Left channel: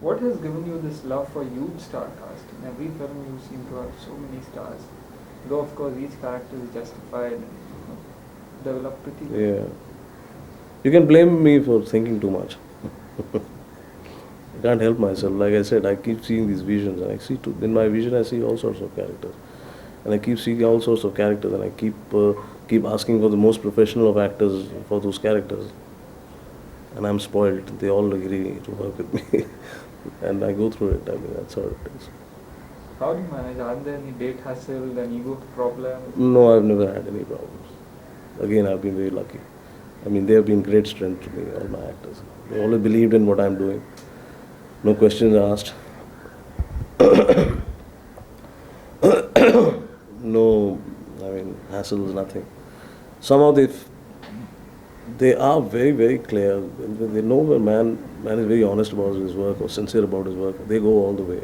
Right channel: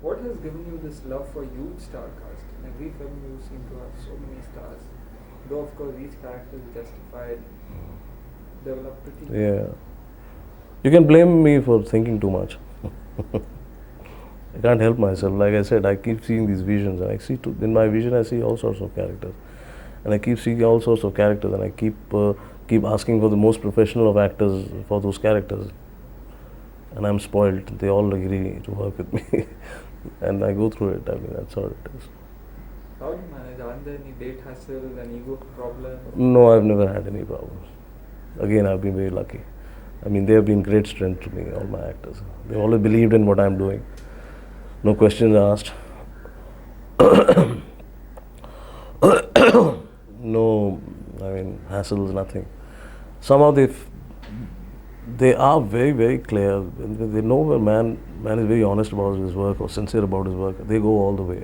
What has given you this love for huge star cast? In every film you seem to have so many stars. Though of course each character is justified and developed pretty well. Yeah. You can blame me for thinking too much. I can't help myself. Like I said, I keep seeing these visions, and I see in my vision I see all sorts of characters, and I keep seeing all sorts of characters, and I keep asking for the most professional of actors for those characters, and I'm spoiled. They all agree to work with me, and I go through it. I mean, that's how it is. How do you manage? Are there any date hassle, an ego problem? No, I've never had any problems. Again, I've been very lucky. I mean, they have been great strength to me, all my actors. They always believed in what I'm doing. No questions asked. No, I mean, hassles, nothing. Somehow they are very, very clear. They know when man is very honest about his work or sincere about his work. They go all the way.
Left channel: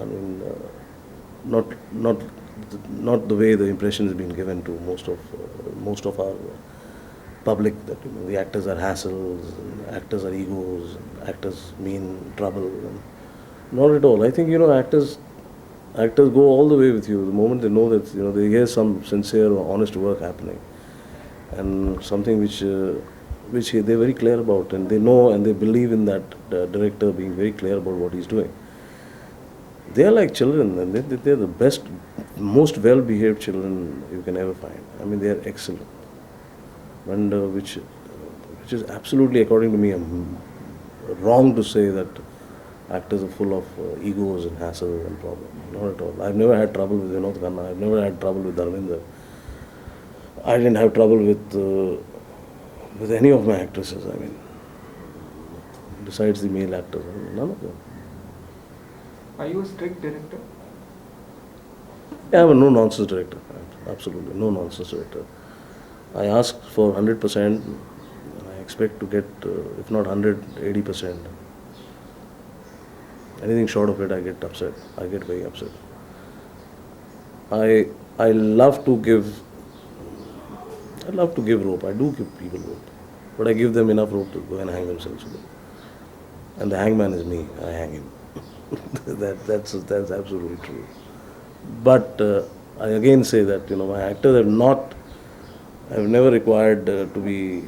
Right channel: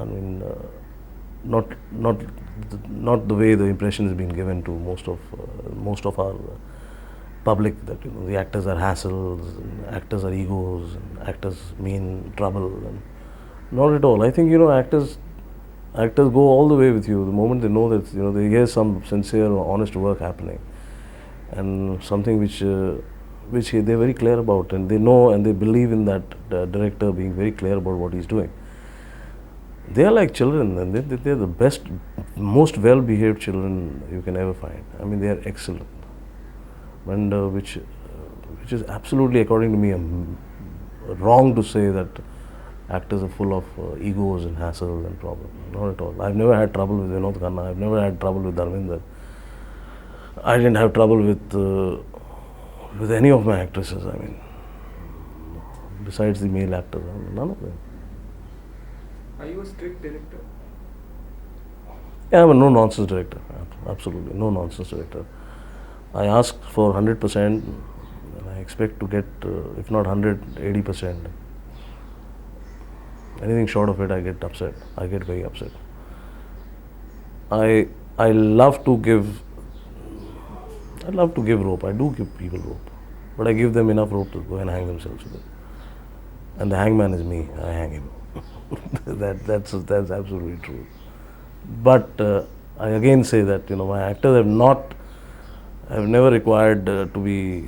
I mean, not the way the impression is being given to most of our public, that the actors are hassles, and actors are egos, and actors mean trouble. Not at all. I think actors go all the way with you the moment they know that they hear some sincere or honest work happening, and something which they're very clear about, and they know and they believe in that director being very clear about what he's doing. They are like children, and they're the best, most well-behaved children you can ever find. I mean, they are excellent, and which is absolutely, according to me, wrong to say that actors are full of egos and hassle and problems. Not at all. I've never had trouble with Vinod Khanna. I've never had trouble with Dharmendra. I didn't have trouble with any of my actresses. I mean, besides the male actors, I mean, none of them. Are you a strict director? Yeah, I'm a no-nonsense director. Absolutely, no-nonsense director. I ask for 100%, and I expect to get, if not 100, 80%. Anything short of it, I get upset. I get very upset. I love to give rope. I do give people rope, but I give them enough rope to go and hang themselves with it. And the hangman is me. I hang him. That's absolutely true. But I again say that my actors have never required to be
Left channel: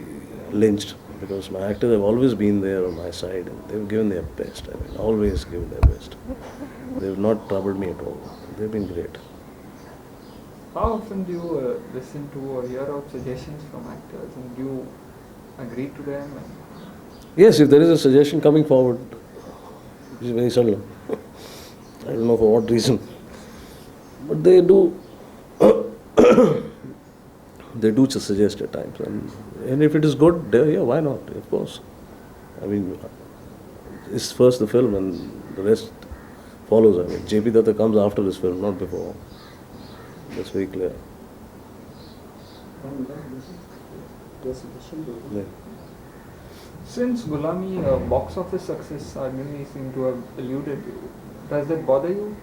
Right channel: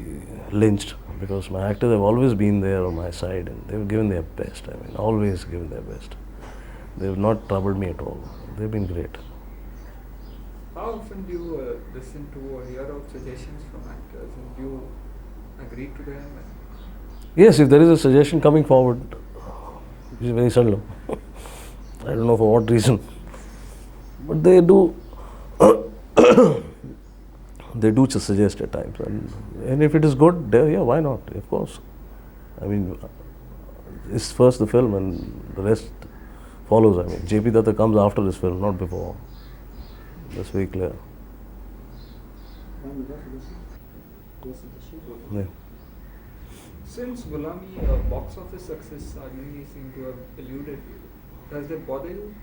lynched, because my actors have always been there on my side, and they've given their best. I mean, always given their best. They've not troubled me at all. They've been great. How often do you listen to or hear out suggestions from actors, and do you agree to them? Yes, if there is a suggestion coming forward, it's very seldom. I don't know for what reason, but they do. They do just suggest at times, and if it is good, yeah, why not? Of course. I mean, it's first the film, and the rest follows. I mean, J.P. Dutta comes after this film, not before. That's very clear. Yeah. Since Gulami box office success many seem to have eluded you, does that bother you?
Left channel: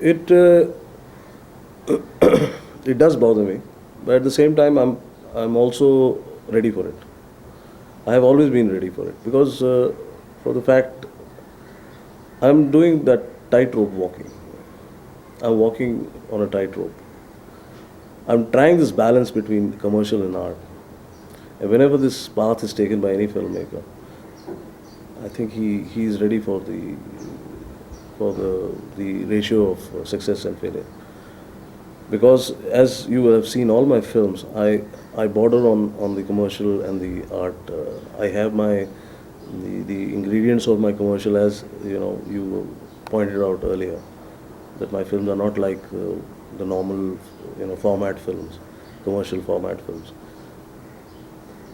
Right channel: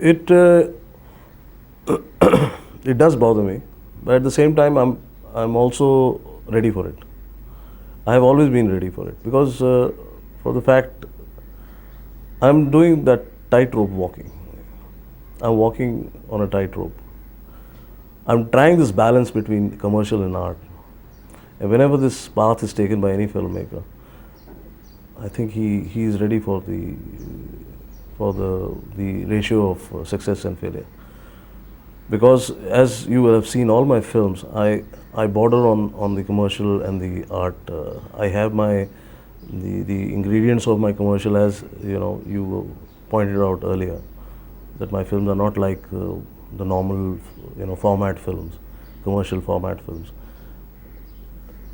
It it does bother me, but at the same time, I'm also ready for it. I have always been ready for it, because for the fact I'm doing that tightrope walking. I'm walking on a tightrope. I'm trying this balance between commercial and art. And whenever this path is taken by any filmmaker, I think he is ready for the ratio of success and failure. Because as you will have seen all my films, I border on the commercial and the art. I have the ingredients of my commercial, as you pointed out earlier, that my films are not like the normal format films, commercial format films.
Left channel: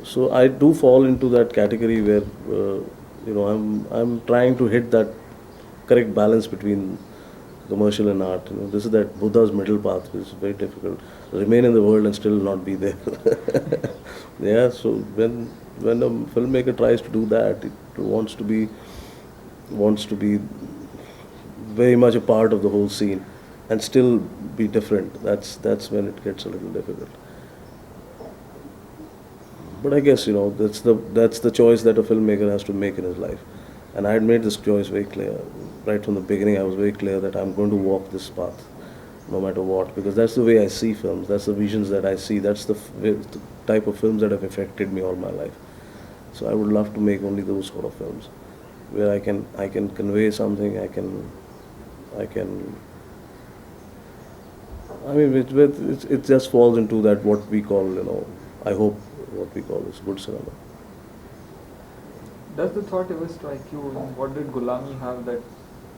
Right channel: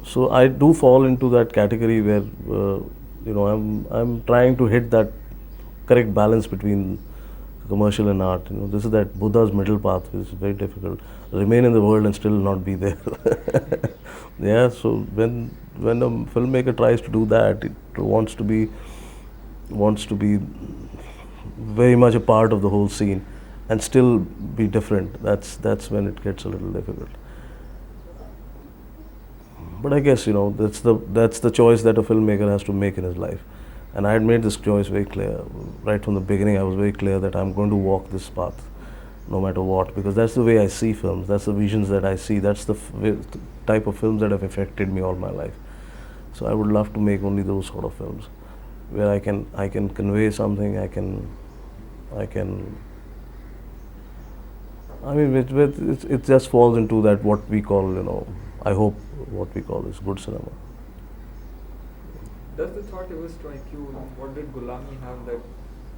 So I do fall into that category where I'm trying to hit that correct balance between commercial and art. This is that Buddha's middle path, which is very difficult. Remain in the world and still not be there. Yeah. So when a filmmaker tries to do that, it wants to be very much a part of the whole scene and still be different. That's when it gets a little difficult. But I guess that's the choice that a filmmaker has to make in his life, and I had made this choice very clear right from the beginning. I was very clear that I'm going to walk this path, no matter what, because that's the way I see films. That's the visions that I see. That's the type of films that have affected me all my life. So I would love to make only those sort of films, where I can convey something. I can. I mean, it just falls into that what we call, I hope what we call is good cinema. Does the thought ever strike you, what did Gulami have that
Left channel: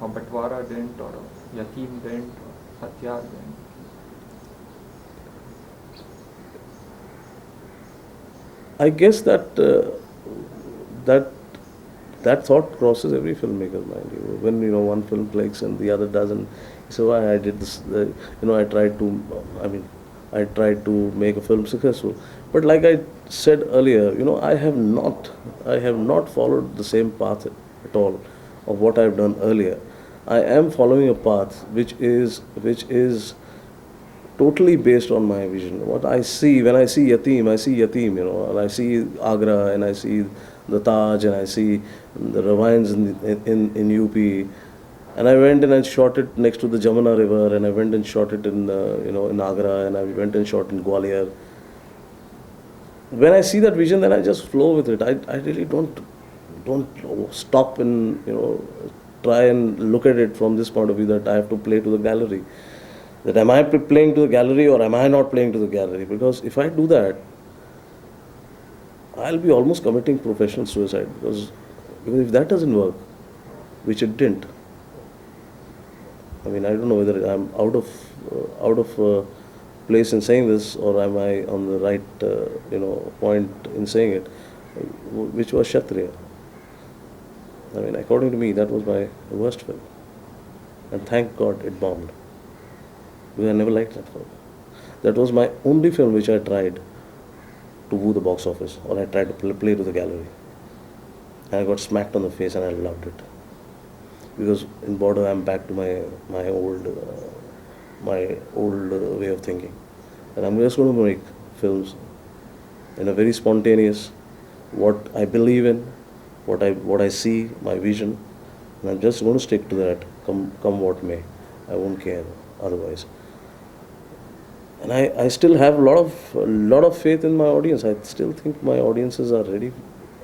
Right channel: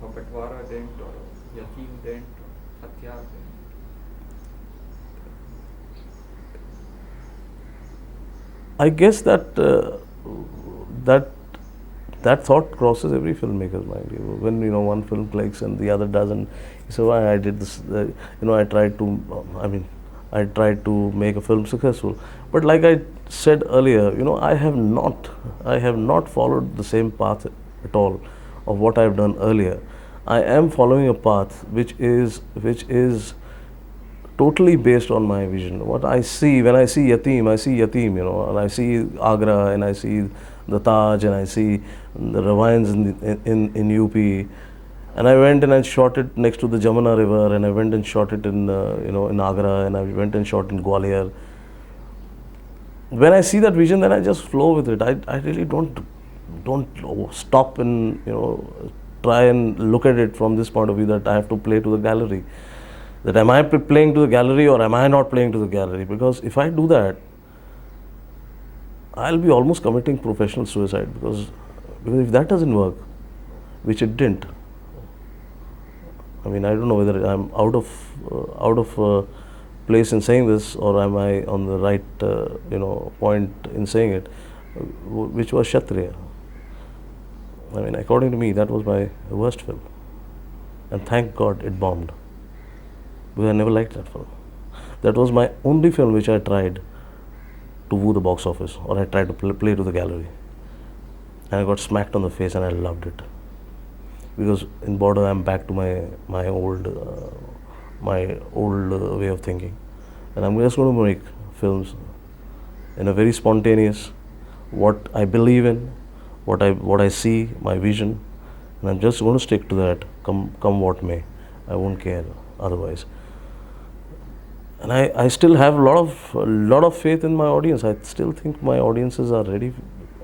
a Batwara didn't, or a Yatim didn't, or Hatyar didn't? I guess that that thought crosses every filmmaker's mind. When one film clicks and the other doesn't, so why I did this. I tried to. I tried to make a film successful, but like I said earlier, I have not followed the same path at all of what I've done earlier. I am following a path which is totally based on my vision. What I see when I see Yatim, and I see Agra, and I see the Taj, and I see the ravines in UP, and I went and I shot it next to the Jamuna River, and I went and shot it in Agra, and I went and shot in Gwalior. When I see that vision, then I just flow with it. I really don't stop and try and look at it from this point of view that I have to play to the gallery. That am I playing to the gallery or am I not playing to the gallery? Because if I do that, I'll be almost committing professional suicide, because if that doesn't work, which it didn't. I don't know whether I'm out of place in saying this, or am I on the right point in saying it, which was Kshatriya. According to me, that was my worst film, and thank God it bombed, because I never liked that film. That was my only film which I tried to woo the box office, or I tried to play to the gallery, and I got smacked on the face, and I loved it. Because in Border, I'm back to my old way of thinking, and I'm just going to make films in a very spontaneous, what I believe in, what I see, my vision, and I'm just going to stick to that. Come what may, I won't care otherwise. And I still have a lot of faith in my audience. I still think my audiences are ready,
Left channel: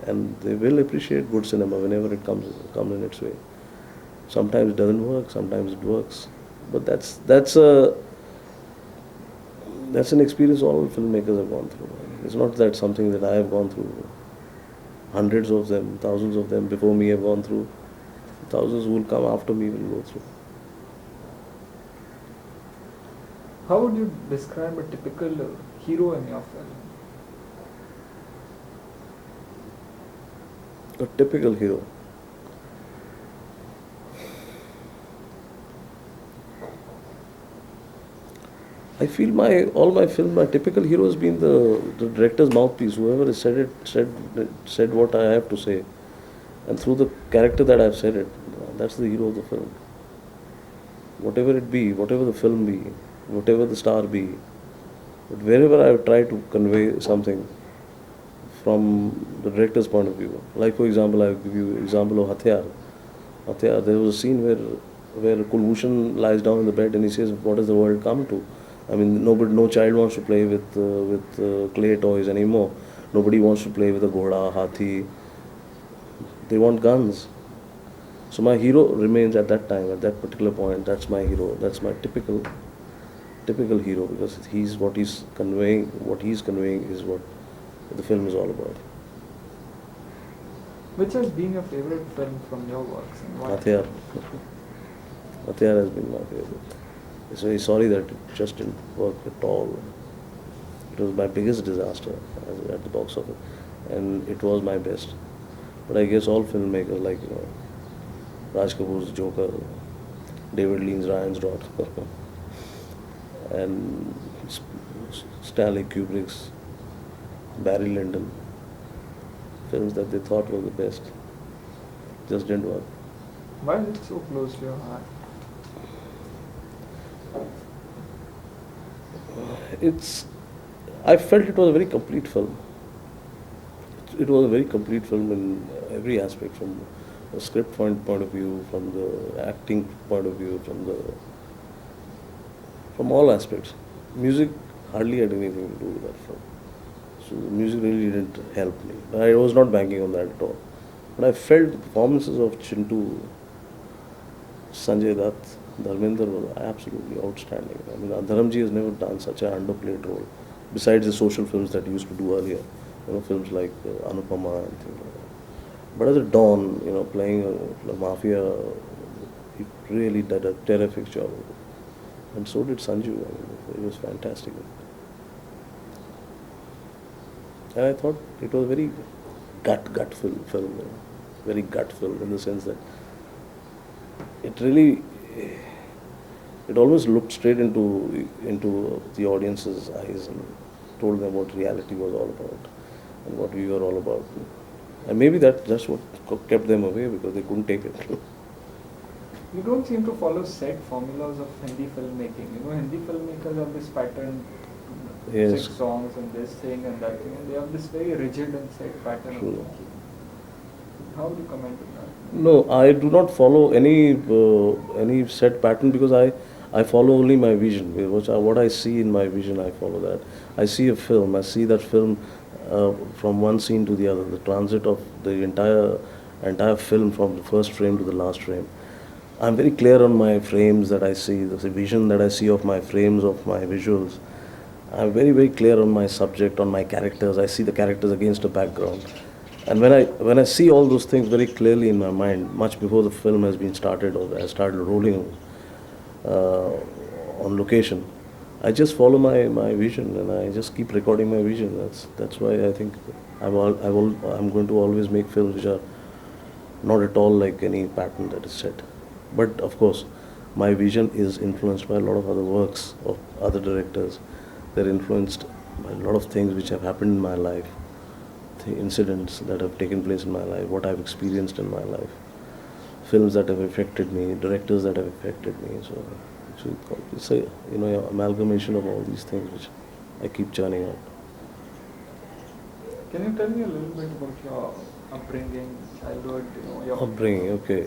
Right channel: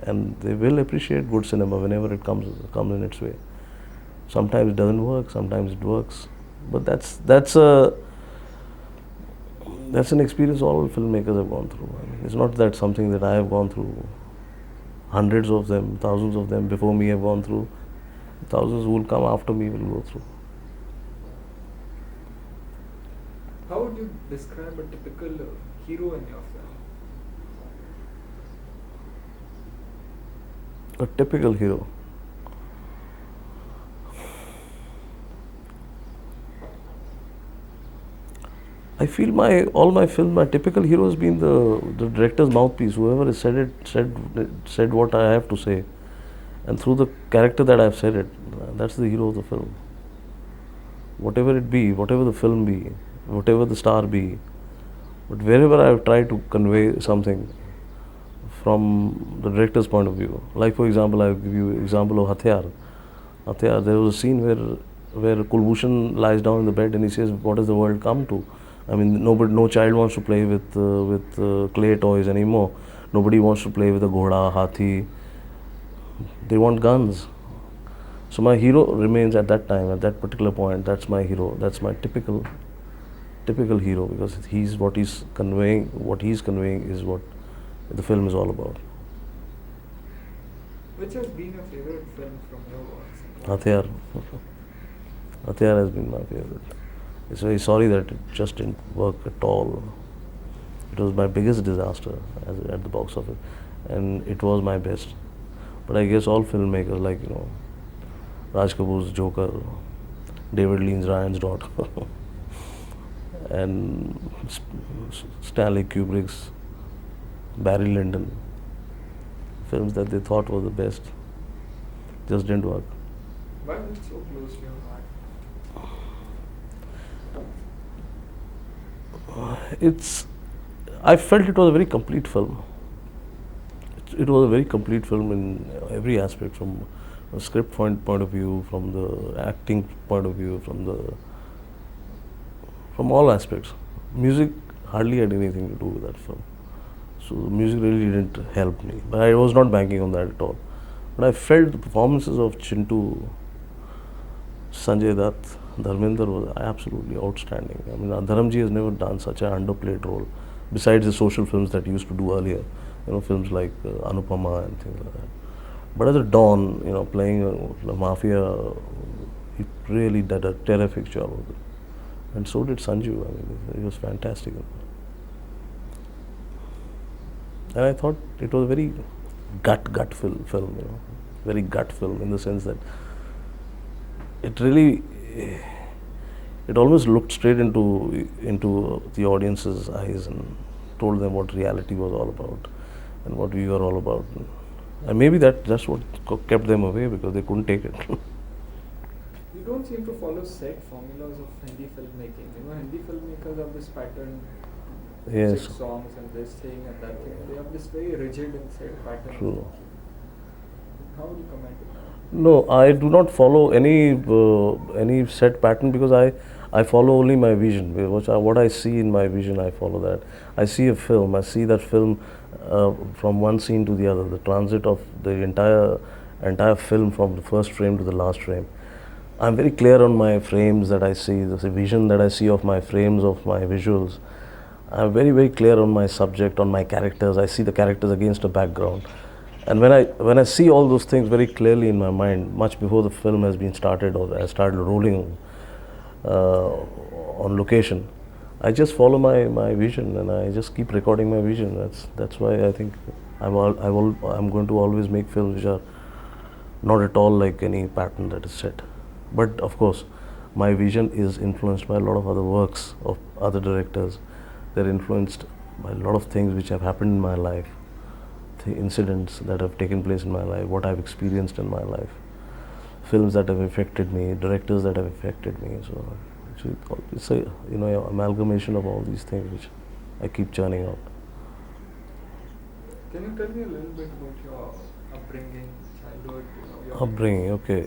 and they will appreciate good cinema whenever it comes in its way. Sometimes it doesn't work, sometimes it works, but that's an experience all filmmakers have gone through. It's not that something that I have gone through. Hundreds of them, thousands of them before me have gone through. Thousands who will come after me will go through. How would you describe a typical hero in your film? A typical hero. I feel all my films, my typical hero has been the director's mouthpiece. Whoever has said what I have to say, and through the character that I've said it, that's the hero of the film. Whatever it be, whatever the film be, whatever the star be, but wherever I've tried to convey something from the director's point of view. Like for example, I'll give you an example of Hatyar. Hatyar, there was a scene where Kulbhushan lies down in the bed and he says, "What has the world come to?" No child wants to play with clay toys anymore. Nobody wants to play with a ghoda, hathi. They want guns. So my hero remains at that time, at that particular point. That's my hero. That's my typical hero, because what he's conveying is what the film is all about. Which has been your favorite film from your works? Hatyar. Hatyar has been my favorite. I'm very sorry that it just didn't work at all. It was my biggest disaster at the box office, and it was my best. But I guess all filmmakers, like Raj Kapoor's Joker, David Lean's Ryan's Daughter, and Stanley Kubrick's Barry Lyndon, films that they thought were the best, just didn't work. Why is it so close to your heart? I felt it was a very complete film. it was a very complete film in every aspect, from a script point of view, from the acting point of view, from all aspects. Music hardly had anything to do with that film. So the music really didn't help me. But I was not banking on that at all. But I felt the performances of Chintu, Sanjay Dutt, Dharmender was absolutely outstanding. I mean, Dharamji has never done such an underplayed role, besides the social films that he used to do earlier. Films like Anupama and things like that. But as a Don, playing a mafia, he really did a terrific job of it. And so did Sanju. I mean, he was fantastic. And I thought it was a very gut film, very gut film, in the sense that it really, it almost looked straight into the audience's eyes and told them what reality was all about and what we were all about. And maybe that's what kept them away, because they couldn't take it. You don't seem to follow set formulas of Hindi filmmaking. Hindi filmmakers have this pattern, Yes. 6 songs and this thing and that thing, and they have this very rigid and set pattern of making. How would you comment on that? No, I do not follow any set pattern, because I follow only my vision. What I see in my vision, I follow that. I see a film, I see that film from one scene to the other, the transit of the entire film from the first frame to the last frame. I'm very clear on my frames that I see, the vision that I see of my frames, of my visuals. I'm very, very clear on my subject, on my characters. I see the characters against a background. And when I see all those things very clearly in my mind, much before the film has been started or has started rolling on location, I just follow my vision, and I just keep recording my vision. That's why I think I'm going to always make films which are not at all like any pattern that is set. But of course, my vision is influenced by a lot of other works of other directors. They're influenced by a lot of things which have happened in my life, the incidents that have taken place in my life, what I've experienced in my life, films that have affected me, directors that have affected me. So it's a amalgamation of all these things which I keep churning out. Can you tell me a little bit about your upbringing, childhood, your Upbringing, okay.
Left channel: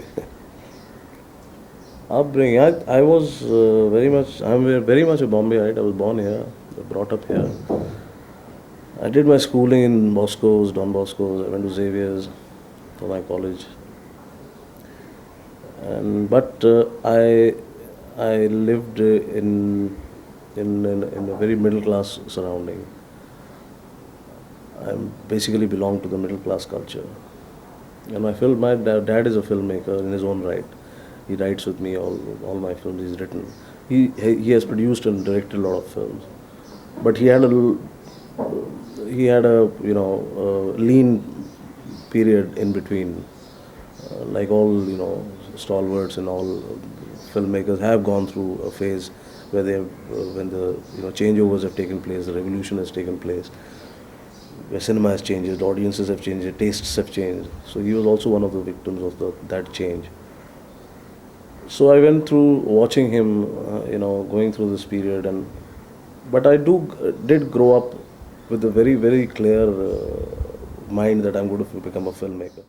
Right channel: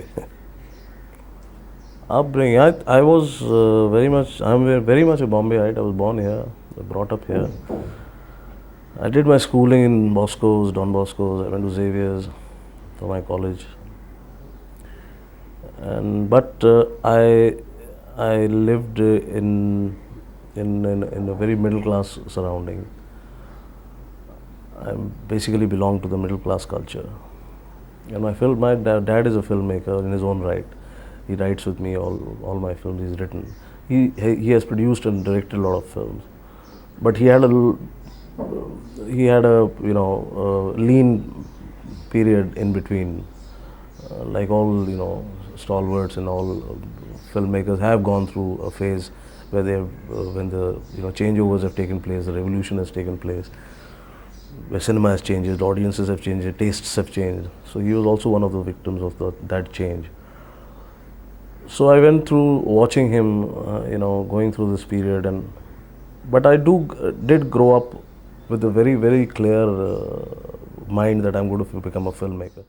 Upbringing, I was I'm very much a Bombayite. I was born here, brought up here. I did my schooling in Bosco's, Don Bosco's. I went to Xavier's for my college. But I lived in a very middle class surrounding. I basically belong to the middle class culture. And my dad is a filmmaker in his own right. He writes with me all my films he's written. He has produced and directed a lot of films, but he had a lean period in between, like all stalwarts and all filmmakers have gone through a phase where when the changeovers have taken place, the revolution has taken place, where cinema has changed, audiences have changed, tastes have changed. So he was also one of the victims of that change. So I went through watching him, going through this period, but I did grow up with a very, very clear mind that I'm going to become a filmmaker.